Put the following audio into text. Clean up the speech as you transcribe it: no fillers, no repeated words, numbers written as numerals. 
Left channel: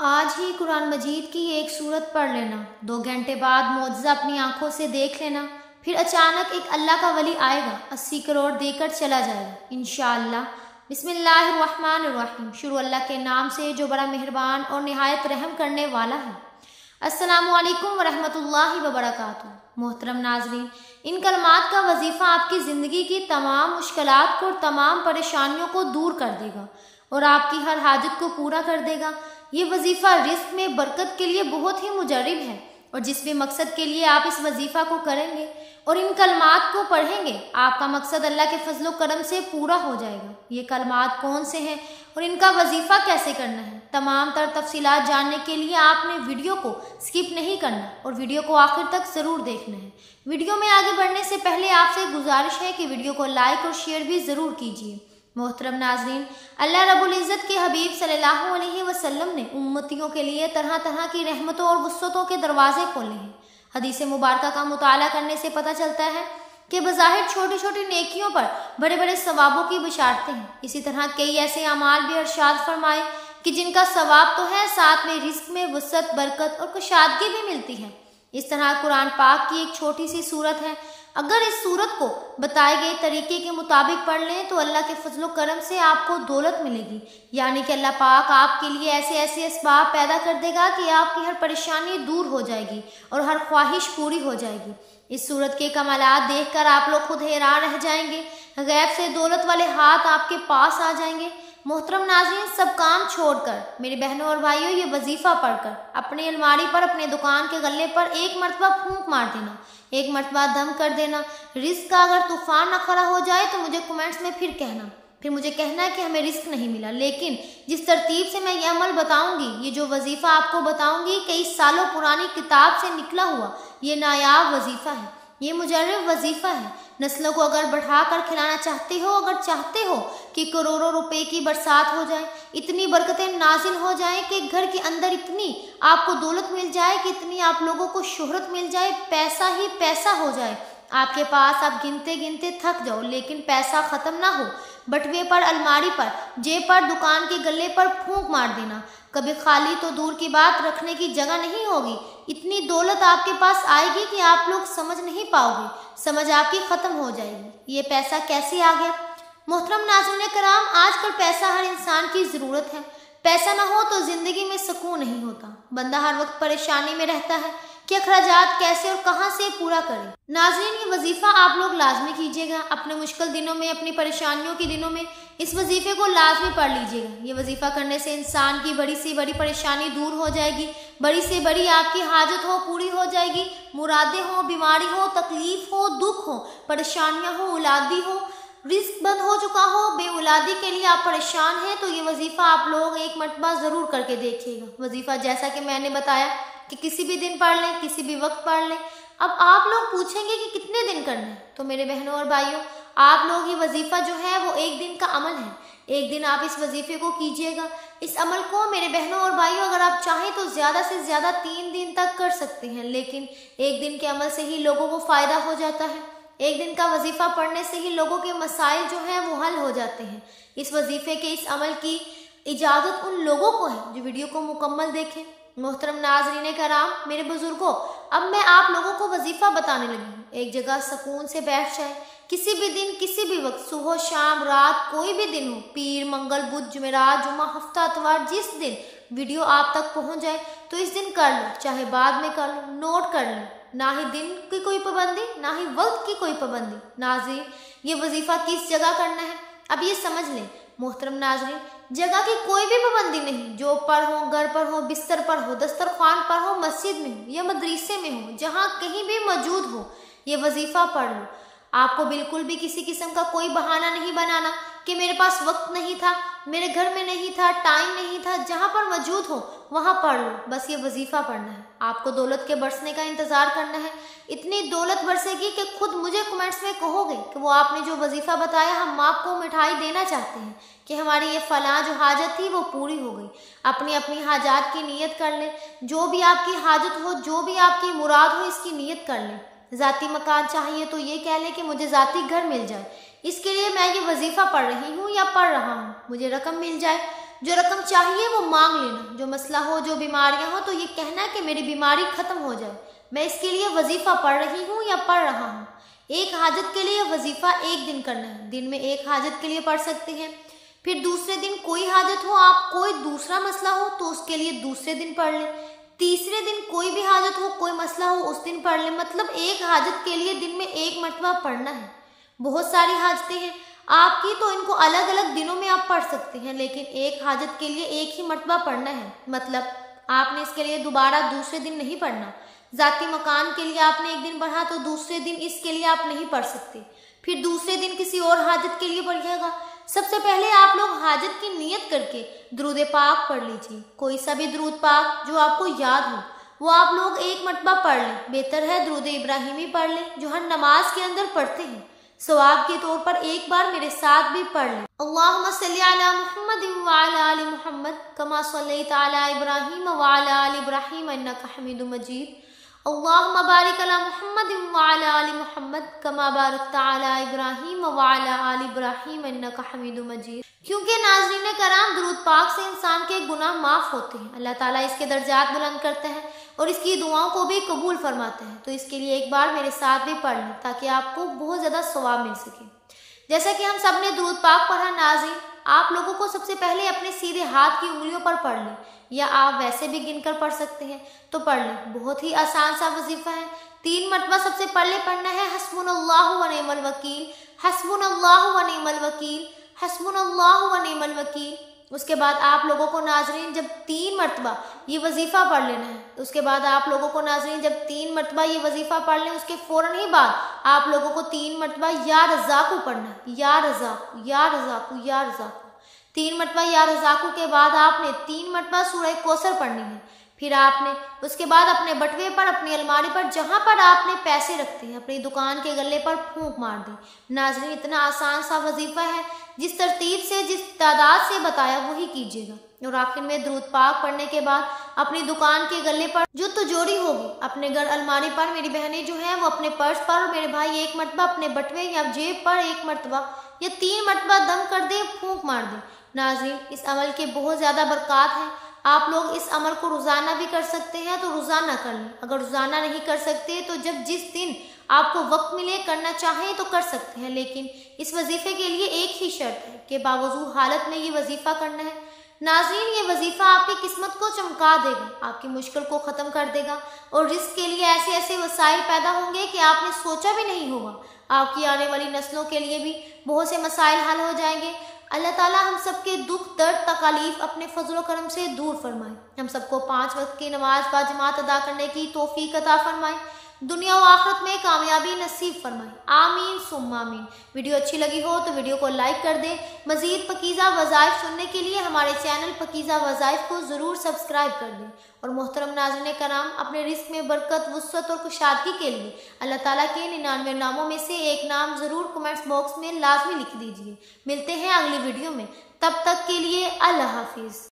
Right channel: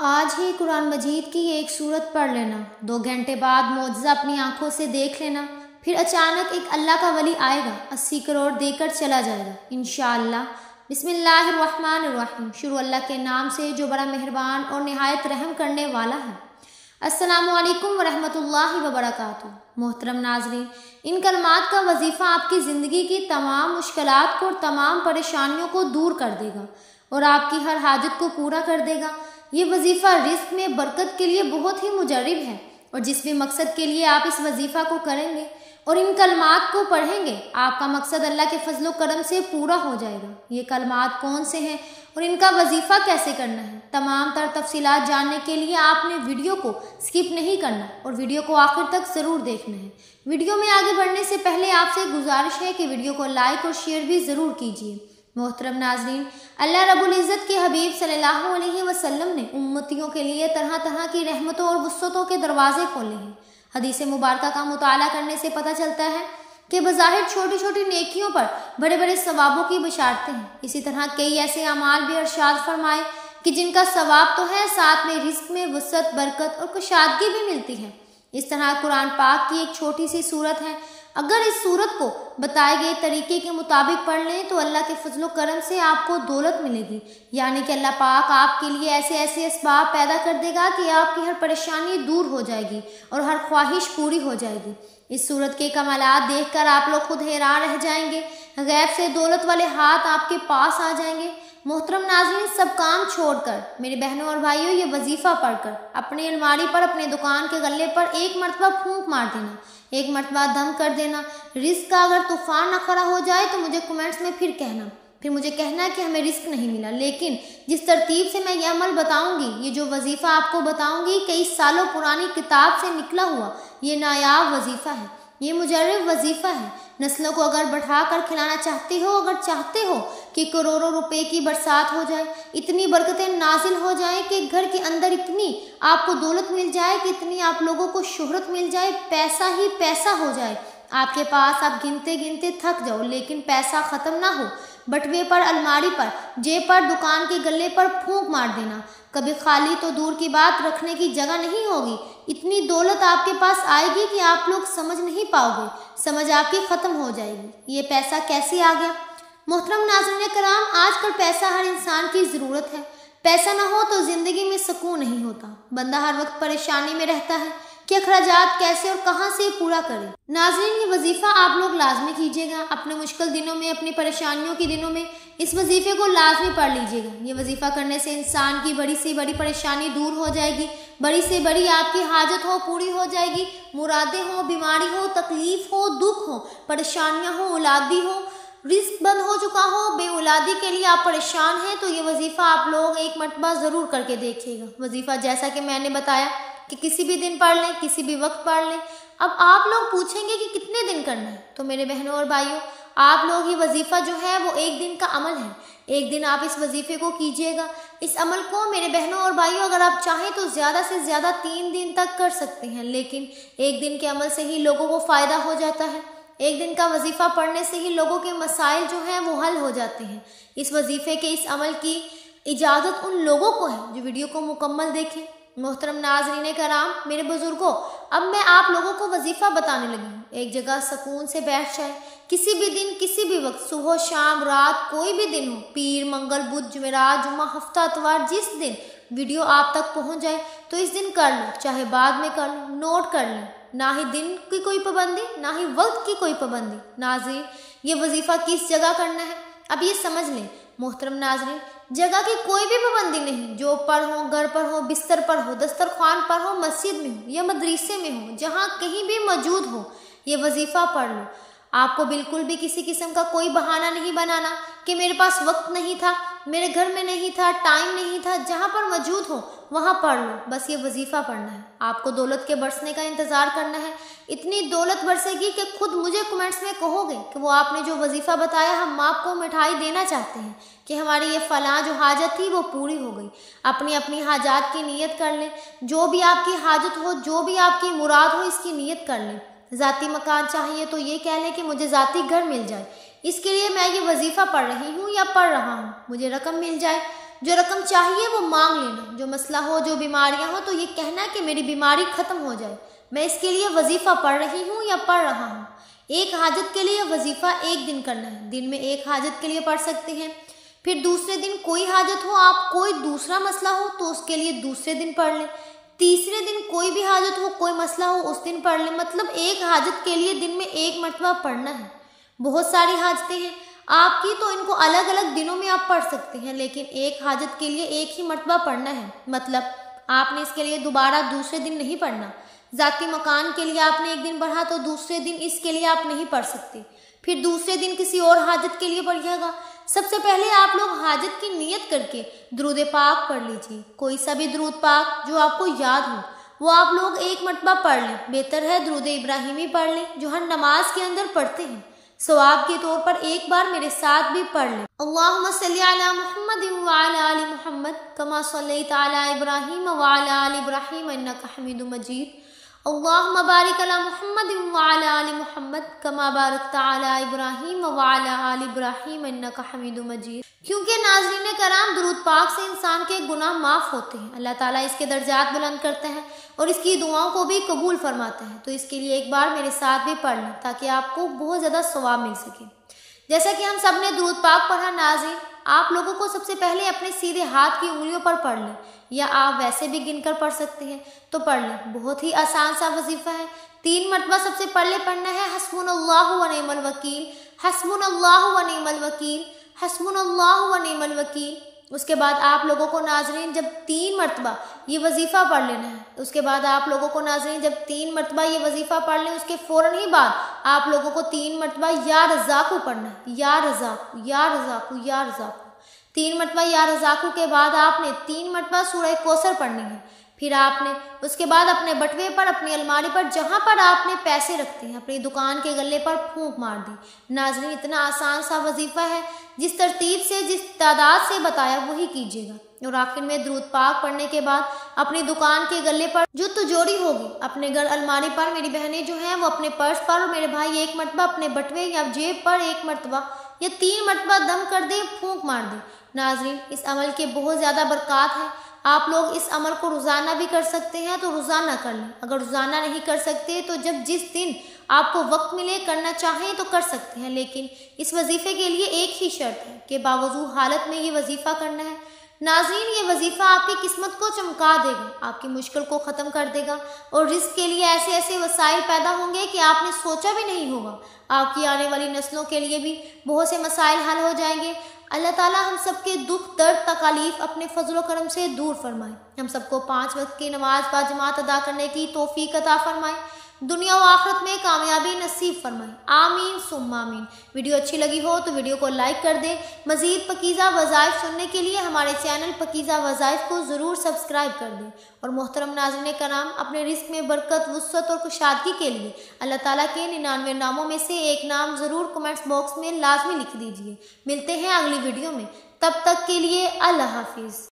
آج ہی قرآن مجید کی ایک سورت پڑھ لینا، 2 گھنٹے بعد معجزہ اپنی آنکھوں سے دیکھ لینا، پھر اچانک ایک اللہ کا ولی آئے گا، 80 کروڑ دے کر چلا جائے گا انشاءاللہ۔ بسم اللہ الرحمن الرحیم، شروع اللہ کے نام سے جو بڑا مہربان اور نہایت رحم کرنے والا ہے۔ السلام علیکم ورحمۃ اللہ وبرکاتہ۔ محترم ناظرین، ان کلمات کا وظیفہ آپ کی زندگی کی تمام مشکلات کو اور تمام پریشانیوں کو دور کر دے گا اور آپ کی ہر حاجت کو پورا کر دے گا۔ یہ وظیفہ رزق میں برکت کے لیے بہت ہی مجرب ہے، اور جس بھی مقصد کے لیے آپ اس وظیفہ کو کریں گے اور ان کلمات کو پڑھیں گے، آپ کا مقصد اللہ کے فضل و کرم سے پورا ہو جائے گا۔ یہ کلمات کون سے ہیں اور ان کا وظیفہ کیسے کرنا ہے، تمام تر تفصیلات جاننے کے لیے آپ نے ویڈیو کو سکپ نہیں کرنا اور ویڈیو کو آخر تک ضرور دیکھنا ہے۔ ویڈیو میں آگے بڑھنے سے پہلے آپ سے گزارش ہے کہ ویڈیو کو لائک اور شیئر بھی ضرور کیجیے۔ محترم ناظرین، اللہ رب العزت کے حبیب صلی اللہ علیہ وسلم نے امتیوں کے لیے طرح طرح کی رحمتوں اور وسعتوں کے دروازے کھولے ہیں۔ حدیث مبارکہ کا مطالعہ کرنے سے پتہ چلتا ہے کہ بظاہر چھوٹی چھوٹی نیکیوں پر بڑے بڑے ثوابوں کی بشارتیں ہیں۔ اسی طرح کئی ایسے اعمال بھی ارشاد فرمائے کہ جن کا ثواب تو ہے، ساتھ میں رزق میں وسعت، برکت اور کشادگی بھی ملتی ہے۔ اس طرح قرآن پاک کی ایک چھوٹی سی سورت ہے، اگر اس سورت کو بتائے گئے طریقے کے مطابق پڑھ لیں تو اللہ کے فضل و کرم سے آپ کو دولت ملے گی، یعنی کہ اللہ پاک آپ کے لیے ایسے ایسے اسباب پیدا کر دے گا کہ آپ کی ہر پریشانی دور ہو جائے گی اور ہر خواہش پوری ہو جائے گی۔ اس سورت کے کمالات دیکھ کر آپ لوگ خود حیران رہ جائیں گے، غیب سے دولت والے ہاتھ آپ کے پاس آ جائیں گے۔ محترم ناظرین، سب کام چھوڑ کر میرے بہنوں اور بھائیوں، یہ وظیفہ پڑھ کر اپنی الماری پر، اپنے دکان کے غلے پر ایک مرتبہ پھونک مار دینا، ایک مرتبہ دم کر دینا۔ رزق کا اگر طوفان نہ کھڑا ہو جائے تو مجھے کمنٹس میں پھر مجھے کہنا ہے کہ ہمیں رزق نہیں ملا، لیکن جس ترتیب سے میں یہ عمل بتاؤں گی، یہ جو وظیفہ آپ کو بتاؤں گی، کئی سالوں پرانی کتاب سے نکلا ہوا یہ نایاب وظیفہ ہے، یہ مجرب وظیفہ ہے۔ نسلوں کو اگر بڑھا کر کھلانا چاہتے ہو، اگر چاہتے ہو کہ کروڑوں روپے کی برسات ہو جائے، اتنی برکتیں نازل ہو جائیں کہ گھر کے اندر اتنی آپ کو دولت مل جائے کہ اتنی آپ لوگوں کو شہرت مل جائے، پیسہ ہی پیسہ ہو جائے آپ کے پاس، آپ گنتے گنتے تھک جاؤ لیکن پیسہ ختم نہ ہو، بٹوے پر، الماری پر، جیب پر، دکان کے گلے پر پھونک مار دینا، کبھی خالی تو دور کی بات رکھنے کی جگہ نہیں ہوگی، اتنی دولت آپ کے پاس آئے گی کہ آپ لوگ سمجھ نہیں پاؤ گے، سمجھ آپ کی ختم ہو جائے گی۔ یہ پیسہ کیسے آ گیا؟ محترم ناظرین کرام، آج کل پیسہ ہر انسان کی ضرورت ہے، پیسہ نہ ہو تو زندگی میں سکون نہیں ہوتا، بندہ ہر وقت پریشانی میں رہتا ہے کہ اخراجات کیسے اور کہاں سے پورا کرے۔ ناظرین، یہ وظیفہ آپ لوگ لازمی کیجیے گا، اپنے مشکل دنوں میں، اپنی پریشانیوں کے دنوں میں اس وظیفے کو لازمی پڑھ لیجیے گا۔ یہ وظیفہ کرنے سے انسان کی بڑی سے بڑی پریشانی دور ہو جائے گی، بڑی سے بڑی آپ کی حاجت ہو پوری ہو جائے گی، مرادیں ہو، بیماری ہو، تکلیف ہو، دکھ ہو، پریشانیاں ہو، اولادی ہو، رزق بند ہو چکا ہو، بے اولادی کے لیے آپ پریشان ہیں، تو یہ وظیفہ آپ لوگ ایک مرتبہ ضرور کر کے دیکھیے گا۔ وظیفہ جیسا کہ میں نے بتایا کہ کسی بھی دن پڑھ لیں، کسی بھی وقت پڑھ لیں۔ اب آپ لوگ پوچھیں گے کہ کتنے دن کرنا ہے، تو میرے بہنوں اور بھائیوں، آپ لوگ یہ وظیفہ جو ہے وہ ایک دن کا عمل ہے، ایک دن آپ اس وظیفے کو کیجیے گا۔ اس عمل کو میرے بہنوں اور بھائیوں، اگر آپ چاہیں تو زیادہ سے زیادہ 3 دن تک کر سکتے ہیں، لیکن ایک دن کے عمل سے ہی لوگوں کو فائدہ ہو جاتا ہے، ایک دن کا وظیفہ پڑھنے سے ہی لوگوں کے مسائل جو ہیں وہ حل ہو جاتے ہیں۔ اس وظیفے کے، اس عمل کی اجازت ان لوگوں کو ہے جو ویڈیو کو مکمل دیکھیں۔ محترم ناظرین کرام، میرے بزرگوں، اب میں آپ لوگوں کو وظیفہ بتانے لگی ہوں۔ ایک جگہ سکون سے بیٹھ جائے، کسی بھی دن، کسی بھی وقت، صبح، شام، رات، کوئی بھی دن ہو، پیر، منگل، بدھ، جمعرات، جمعہ، ہفتہ، اتوار، جس دن ویڈیو آپ تک پہنچ جائے تو اس دن کر لیں، چاہے بعد میں کر لیں، نوٹ کر لیں۔ نہ ہی دن کی کوئی پابندی، نہ ہی وقت کی کوئی پابندی۔ ناظرین، یہ وظیفہ کس جگہ کرنا ہے اب یہ سمجھ لیں۔ محترم ناظرین، جگہ کی کوئی بھی پابندی نہیں، جو پر ہو، گھر پر ہو، بستر پر ہو، دسترخوان پر ہو، مسجد میں ہو یا مدرسے میں ہو، جہاں کہیں بھی موجود ہو، یہ وظیفہ پڑھ لو۔ آپ کو بالکل بھی کسی قسم کا کوئی بہانہ نہیں بنانا کہ میرے پاس وقت نہیں تھا، میرے گھر میں نہیں تھا، ٹائم نہیں تھا، جہاں پر موجود ہو وہاں پڑھ لو، بس یہ وظیفہ پڑھنا ہے۔ آپ کو دولت کے برسنے کا انتظار کرنا ہے، اتنی دولت برسے گی کہ خود مجھے کمنٹس میں کہو گے کہ وہ آپ نے جو وظیفہ بتایا، ہم آپ کو مٹھائی دینا چاہتے ہیں، کہ ہماری یہ فلاں جو حاجت تھی وہ پوری ہو گئی۔ اپنی اپنی حاجات کی نیت کر لیں، جو بھی آپ کی حاجت ہو، جو بھی آپ کی مراد ہو، اس کی نیت کر لیں۔ ذاتی مکان چاہیے تو یہ کہہ لیں کہ مجھے ذاتی گھر مل جائے، اس کے لیے میں یہ وظیفہ پڑھ رہی ہوں یا پڑھ رہا ہوں، مجھے رقم مل جائے جو رقم چاہیے وہ مانگ لینا، جو مسئلہ ہو، جو بیماریاں ہو تو یہ کہنا کہ میری بیماری ختم ہو جائے، میں اس کے لیے وظیفہ پڑھ رہی ہوں یا پڑھ رہا ہوں۔ ایک حاجت کے لیے وظیفہ ایک دن کرنا ہے، دن میں ایک حاجت کے لیے پڑھ سکتے ہیں۔ پھر دوسرے دن کوئی حاجت ہو، آپ کوئی دوسرا مسئلہ ہو تو اس کے لیے دوسرے دن پڑھ لیں۔ تیسرے دن کوئی بھی حاجت ہو، کوئی مسئلہ ہو، اس دن پڑھ لیں۔ مطلب ایک حاجت کے لیے دن میں ایک مرتبہ پڑھنا ہے۔ بہت ساری حاجتیں ہیں آپ کی تو ان کو الگ الگ دنوں میں آپ پڑھ سکتے ہیں، لیکن ایک حاجت کے لیے ایک ہی مرتبہ پڑھنا ہے۔ مطلب آپ نے اس کے لیے دوبارہ دوسرے دن نہیں پڑھنا۔ ذاتی مکان کے لیے آپ نے ایک دن پڑھا تو دوسرے دن اس کے لیے آپ نہیں پڑھ سکتے، پھر دوسرے دن کسی اور حاجت کے لیے پڑھیے گا۔ سب سے پہلے آپ لوگ حاجت کی نیت کر کے درود پاک پڑھ لیجیے، کوئی سا بھی درود پاک جو آپ کو یاد ہو وہ آپ لوگ ایک مرتبہ پڑھ لیں۔ بہتر ہے درود ابراہیمی پڑھ لیں جو ہر نماز کے اندر پڑھتے ہیں۔ ثواب کے طور پر ایک بار میرے ساتھ بھی پڑھ لیں۔ اللہم صلی علی محمد وعلی آل محمد کما صلیت علی ابراہیم وعلی آل ابراہیم انک حمید مجید۔ اللہم بارک علی محمد وعلی آل محمد کما بارکت علی ابراہیم وعلی آل ابراہیم انک حمید مجید۔ کیونکہ ناظرین کرام درود پاک سے انسان کے گناہ معاف ہوتے ہیں، اللہ تعالیٰ اس کے درجات بلند کرتے ہیں اور اس کی دعاؤں کو بھی قبول فرماتے ہیں۔ تو اس کے لیے ایک بار میرے ساتھ بھی پڑھ لیں تاکہ آپ کو بہت زیادہ ثواب مل سکے۔ جیسا کہ ہم سب نے درود پاک پڑھا، ناظرین آپ لوگوں کو سب سے پہلے اپنے سیدھے ہاتھ کی انگلیوں پر پڑھ لیں، یا آپ ویسے بھی گن کر پڑھ سکتے ہیں تو پڑھ لیں۔ بہت ہی آسان سا وظیفہ ہے، 3 مرتبہ سب سے پہلے پڑھنا ہے حسبنا اللہ و نعم الوکیل، حسبنا اللہ و نعم الوکیل، حسبنا اللہ و نعم الوکیل۔ اس کے بعد آپ لوگوں کو ناظرین جب 3 مرتبہ یہ وظیفہ پڑھ لینا ہے، اس کے بعد آپ لوگوں کو ناظرین جب 3 مرتبہ یہ وظیفہ پڑھ لیں، اس کے فوراً ہی بعد آپ لوگوں کو 3 مرتبہ یا رزاقو پڑھنا ہے، یا رزاقو یا رزاقو یا رزاقو۔ 3 مرتبہ یا رزاقو کے بعد آپ نے 3 مرتبہ سورہ کوثر پڑھنی ہے۔ پھر آپ نے اس کے بعد اپنے بٹوے پر، اپنی الماری پر، جہاں پر آپ نے پیسے رکھتے ہیں، اپنی دکان کے گلے پر پھونک مار دی۔ ناظرین اتنا آسان سا وظیفہ ہے، جس ترتیب سے جس تعداد سے بتایا وہی کیجیے گا۔ اور آخر میں درود پاک پڑھنے کے بعد اپنی دکان کے گلے پر جو تجوری ہوگی، اپنے گھر الماری پر، میری بہنیں جو ہیں وہ اپنے پرس پر، اور میرے بھائی ایک مرتبہ اپنے بٹوے یا جیب پر ایک مرتبہ یا 3 مرتبہ دم کر دیں، پھونک مار دیں۔ ناظرین اس عمل کے بہت زیادہ برکات ہیں، آپ لوگ اس عمل کو روزانہ بھی کر سکتے ہیں تو روزانہ کر لیں، اگر روزانہ نہیں کر سکتے تو جس دن آپ کو وقت ملے کرنا چاہیں تو کر سکتے ہیں، لیکن اس وظیفے کے لیے ایک ہی شرط ہے کہ باوضو حالت میں یہ وظیفہ کرنا ہے۔ ناظرین یہ وظیفہ آپ کی قسمت کو چمکا دے گا، آپ کی مشکل کو ختم کر دے گا، اور رزق کے لیے ایسے ایسے وسائل پیدا ہوں گے کہ آپ نے سوچا بھی نہیں ہوگا۔ آپ کی آنے والی نسلوں کے لیے بھی بہت سے مسائل حل ہو جائیں گے۔ اللہ تعالیٰ ہم سب کے دکھ، درد، تکالیف اپنے فضل و کرم سے دور فرمائے، ہم سب کو 5 وقت کی نماز باجماعت ادا کرنے کی توفیق عطا فرمائے، دنیا و آخرت میں کامیابی نصیب فرمائے، آمین ثم آمین۔ ویڈیو اچھی لگی ہو تو ویڈیو کو لائک کر دیں۔ مزید پاکیزہ وظائف سننے کے لیے ہمارے چینل پاکیزہ وظائف کو ضرور سبسکرائب کر دیں۔ اور محترم ناظرین کرام، اپنے رزق میں برکت، وسعت اور کشادگی کے لیے اللہ تعالیٰ کے 99 ناموں میں سے ایک نام ضرور کمنٹس باکس میں لازمی لکھ دیجیے۔ ملتے ہیں اگلی ویڈیو میں، تب تک کے لیے اللہ حافظ۔